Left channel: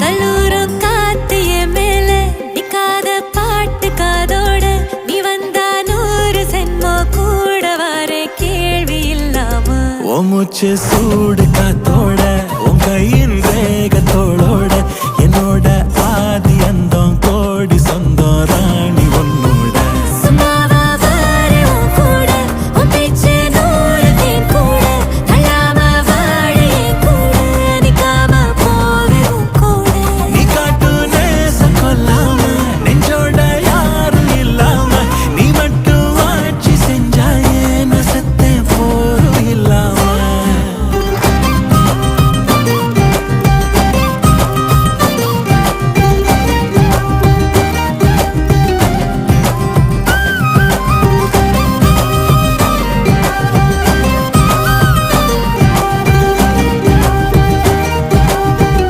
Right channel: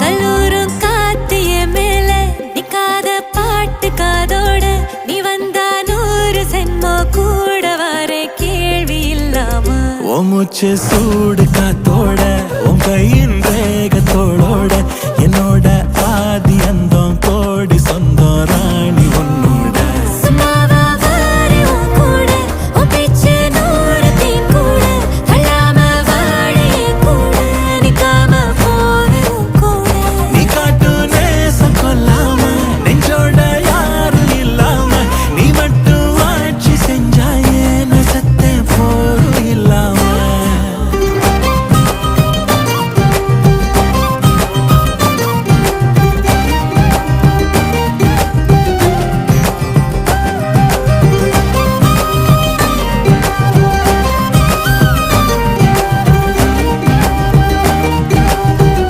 கல்லூரும் காத்திய மேல நிக்காத பாட்டு காதோட நீ வந்தா 100 சென்மோ கூட வர கேள்வி இல்லாம மூச்சு சூடு காத்தோட உன் கையின் ரேகத்தோளோட என்னோட ஆதி அந்தம்